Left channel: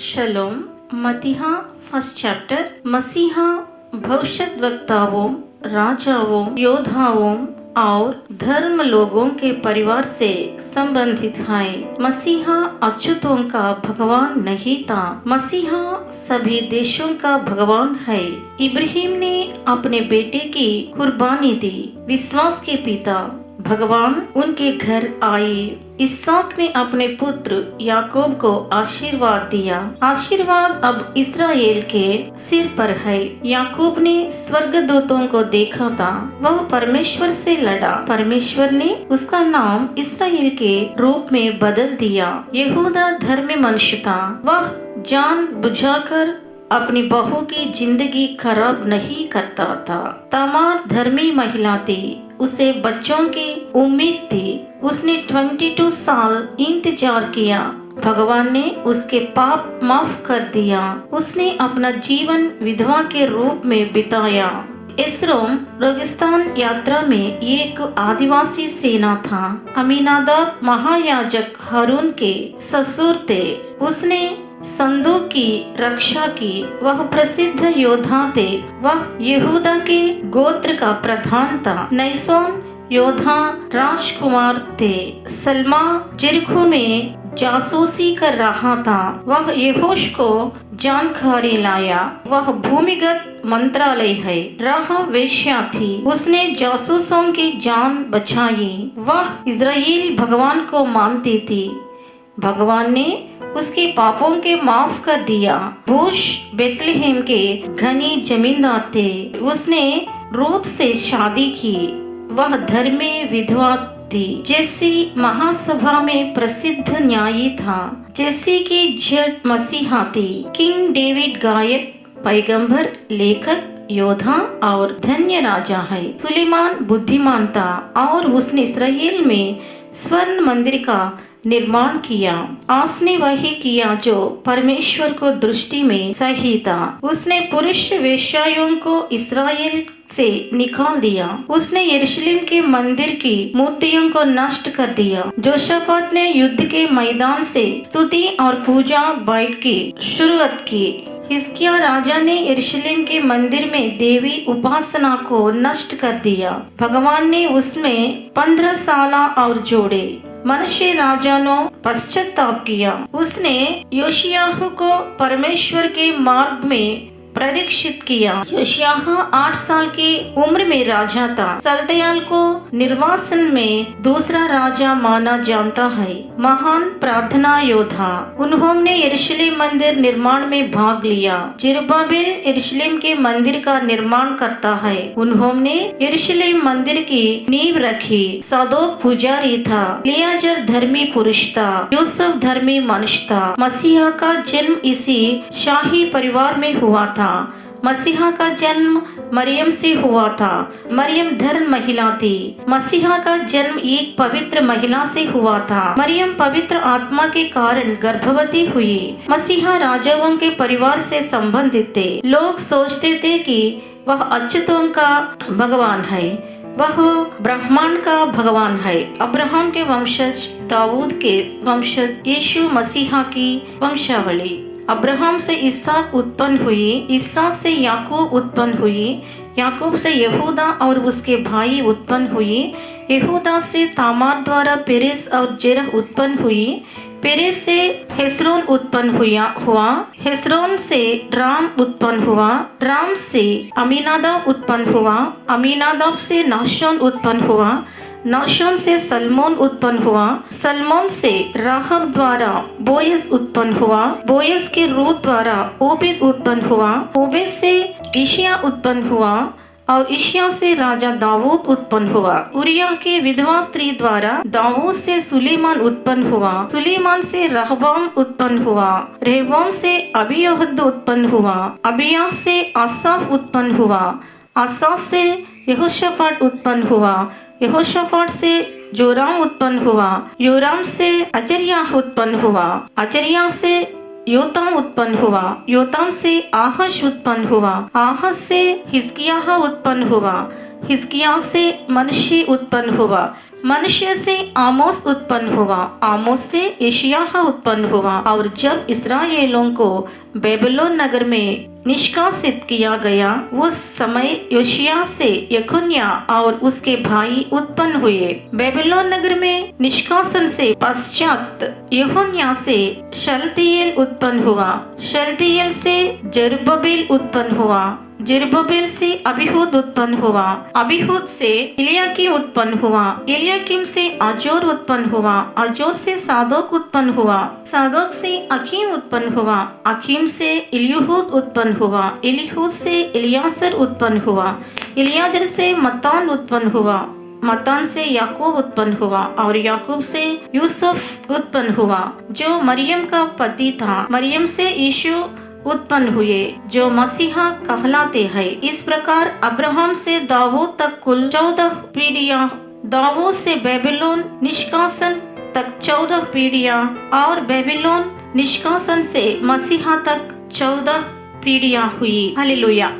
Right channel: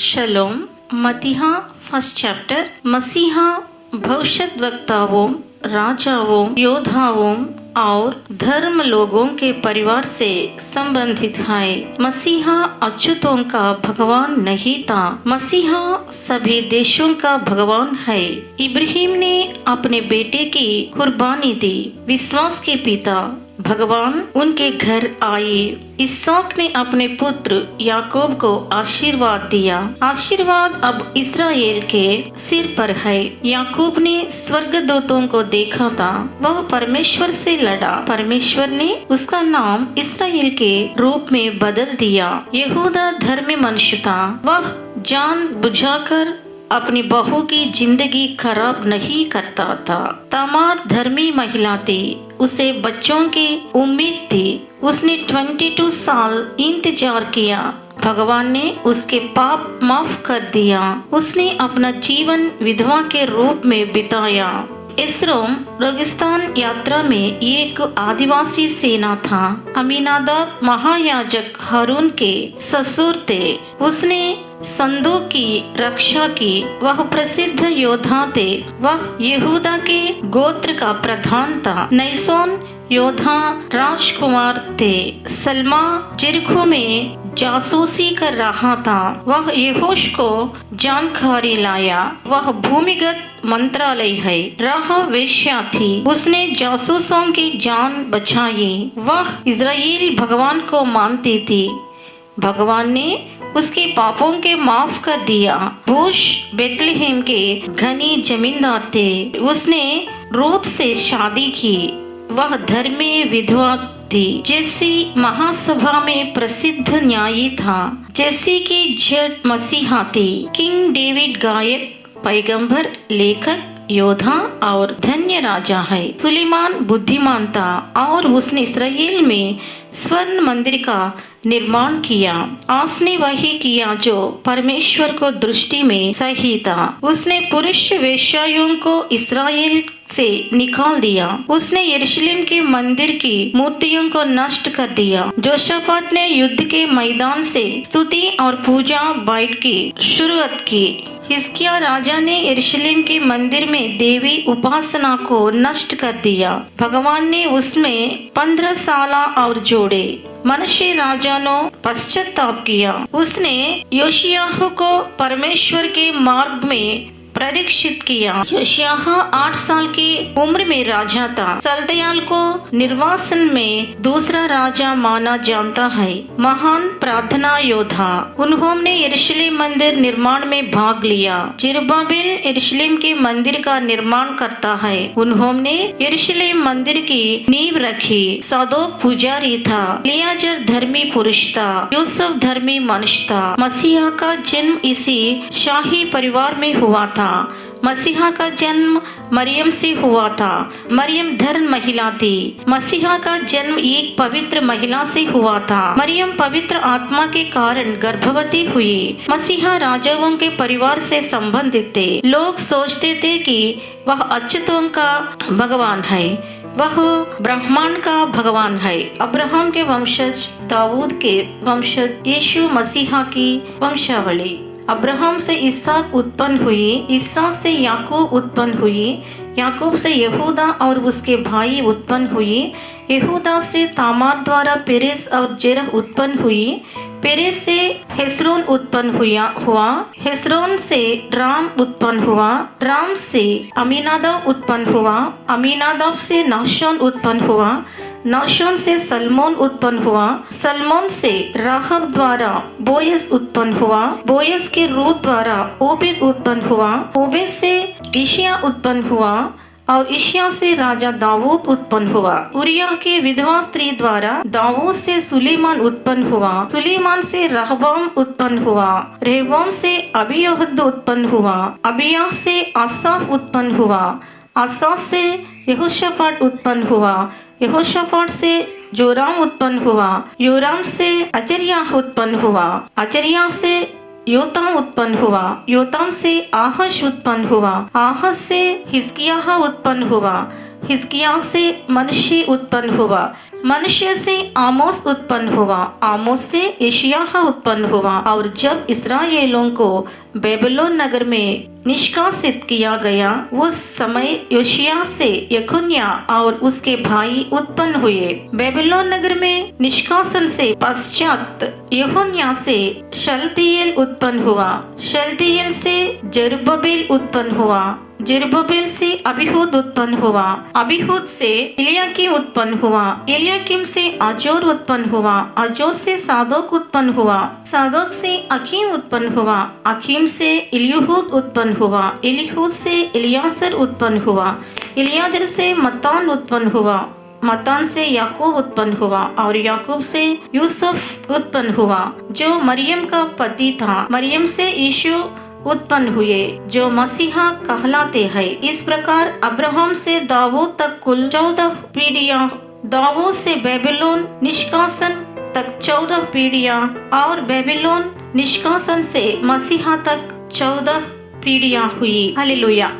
शलोम मतीहा first chapter मसीहा भविष्यद्वक्ताओं, राजाओं, योद्धाओं और धर्म लोगों के परिवार से संबंधित है। मसीहा अच्युतों का भगवान नहीं था, मसीहा सभी देशों का भगवान है। इब्राहिम ने अपने बेटे की कुर्बानी दी। विश्वास के पिता भगवान उनके घर आए। इसहाक ने अपने पुत्र याकूब को आशीर्वाद दिया। आशीर्वाद अब इस्राएल के सिर पर है। याकूब ने स्वर्गदूतों को देखा था, वह परमेश्वर से लड़ा। परमेश्वर ने उसका नाम इस्राएल के रूप में बदल दिया। यहूदा धर्मी मनुष्य था, वह जान बुझाकर अपनी बहू की जिंदगी खराब नहीं करता था। तमार धर्मी महिला थी, उसे बच्चों की उम्मीद थी। उसने 22 साल इंतजार किया। भगवान ने उसके पाप माफ कर दिया। उसने अपना जीवन विधवा के रूप में बिताया। एस्रोम रेगिस्तान यात्रा में एक आदिवासी सेना था। अमीनादाब महायाजक हारून के ससुर थे। उसने संदूक की रक्षा की। वह प्रसिद्ध योद्धा थे। वह यहूदा के गोत्र का प्रधान था। नैसोन योद्धा राजकुमार थे। सलमा जेरिको में जासूसी कर रहा था। वह यहोश को जानकारी लाया। वह भूमिगत मंत्रालय है। राहाब वेश्या थी, उसने जासूसों की जान बचाई। वह इज़राइल भगवान को मानती थी। भगवान ने उसके पापों के माफ कर दिया। बूश बेतलेहम के घनी जमींदार थे। उसने रूत से शादी की। वह धर्मी विधवा थी। जेसी महासभा में प्रसिद्ध न्यायी था। जेसी की जड़ मसीहा थी। किंग डेविड गायक, पैगंबर, लेखक, योद्धा और धन्य राजा है। सुलेमान बुद्धिमान था और उसने इस्राएल में स्वर्ण मंदिर का निर्माण किया। उसने वही किया जो परमेश्वर को दृष्टि में सही था। उसने पुरुष वेश्याओं को इस्राएल से निकाल दिया। उसने यरूशलेम के मंदिर की मूर्तियों को नष्ट कर दिया। जोशाफात ने युद्ध के मैदान से स्तुति और पूजा बाइट की शुरुआत की। हिजकिय्याह राजा ने यरूशलेम के मंदिर में देवी उपासना को नष्ट कर दिया। भगवान ने उसमें 15 साल और जोड़े। मनुष्य राजा ने पश्चाताप किया। उसने योशियाह को परमेश्वर के मार्ग में परीक्षित किया। योशियाह 8 साल की उम्र में राजा था। सल्तियाल को निर्वासन में दूसरा राजा माना जाता है। महान प्रार्थना योद्धा, उन्होंने यरूशलेम मंदिर निर्माण में भाग लिया। जेरुब्बाबेल यरूशलेम के मंदिर का निर्माण करता है। उन्होंने यरूशलेम मंदिर की नींव रखी। सदोक पुजारी था। एलियाजर धर्मी पुरुष था। यूसुफ धर्मी मनुष्य था। मसीहा का जन्म इसी शाही परिवार में हुआ था। मसीहा का जन्म मरियम से हुआ था। मरियम धर्म महिला थी। मसीहा का जन्म एक पवित्र महिला से हुआ था। मरियम पवित्र आत्मा के कारण गर्भवती हुई। मसीहा राजाओं के परिवार से संबंधित थे। लोग सोचते थे कि वह अच्युतों का भगवान है, वह ब्रह्मांड का भगवान है। अब्राहम के वंशज, दाऊद के वंशज, यीशु मसीहा की वंशावली। अब्राहम से इसहाक उत्पन्न हुई। इसहाक से याकूब उत्पन्न हुई। याकूब से यहूदा और उसके भाई उत्पन्न हुई। यहूदा से तामार द्वारा पेरेस और जेरह उत्पन्न हुई। पेरेस से हेस्रोन उत्पन्न हुआ। हेस्रोन से राम उत्पन्न हुआ। राम से अमीनादाब उत्पन्न हुआ। अमीनादाब से नाशोन उत्पन्न हुआ। नाशोन से सलमोन उत्पन्न हुआ। सलमोन से राहब द्वारा बोयस उत्पन्न हुआ। बोयस के रूत द्वारा ओबेद उत्पन्न हुआ। ओबेद से इशिया उत्पन्न हुआ और इशिया से राजा दाऊद उत्पन्न हुआ। उरिय्याह के विधवा स्त्री द्वारा दाऊद से सुलेमान उत्पन्न हुआ। सुलेमान से रहबाम उत्पन्न हुआ। रहबाम से अबीयहद उत्पन्न हुआ। अबिय्याह से आसाफ उत्पन्न हुआ। आसाफ से यहोशापाट उत्पन्न हुआ। यहोशापाट से जोराम उत्पन्न हुआ। योराम से अजर्याह उत्पन्न हुआ। अजर्याह से योताम उत्पन्न हुआ। योताम से आहश उत्पन्न हुआ। आहश से हिजकिय्याह उत्पन्न हुआ। हिजकिय्याह से मनुष्य उत्पन्न हुआ, मनुष्य से आमोस उत्पन्न हुआ, आमोस से यशायाह उत्पन्न हुआ। और जब इस्राएलियों को बेबीलोन नगर में निष्कासित किया गया, उस समय योशिय्याह से यकोन्याह और उसके भाई उत्पन्न हुए। बेबीलोन नगर में निष्कासन से पश्चात यकोन्याह से शलतियेल उत्पन्न हुआ, शलतियेल से जरुब्बाबेल उत्पन्न हुआ, जरुब्बाबेल से अबीहूद उत्पन्न हुआ, अबीहूद से इलियाकीम उत्पन्न हुआ, इलियाकीम से अजोर उत्पन्न हुआ, अजोर से सादोक उत्पन्न हुआ, सादोक से अकीम उत्पन्न हुआ, अकीम से इलीहूद उत्पन्न हुआ, इलीहूद से इलियासर उत्पन्न हुआ, इलियाजर से मत्तान उत्पन्न हुआ, मत्तान से याकूब उत्पन्न हुआ, और याकूब से यूसुफ उत्पन्न हुआ जो मरियम का पति था। मरियम से यीशु उत्पन्न हुए जो मसीहा कहलाते हैं। इस प्रकार अब्राहम से दाऊद तक कुल 14 पीढ़ियां, दाऊद से बेबीलोन निष्कासन तक 14 पीढ़ियां, और बेबीलोन निष्कासन से मसीहा तक 14 पीढ़ियां हुई। हालेलुया।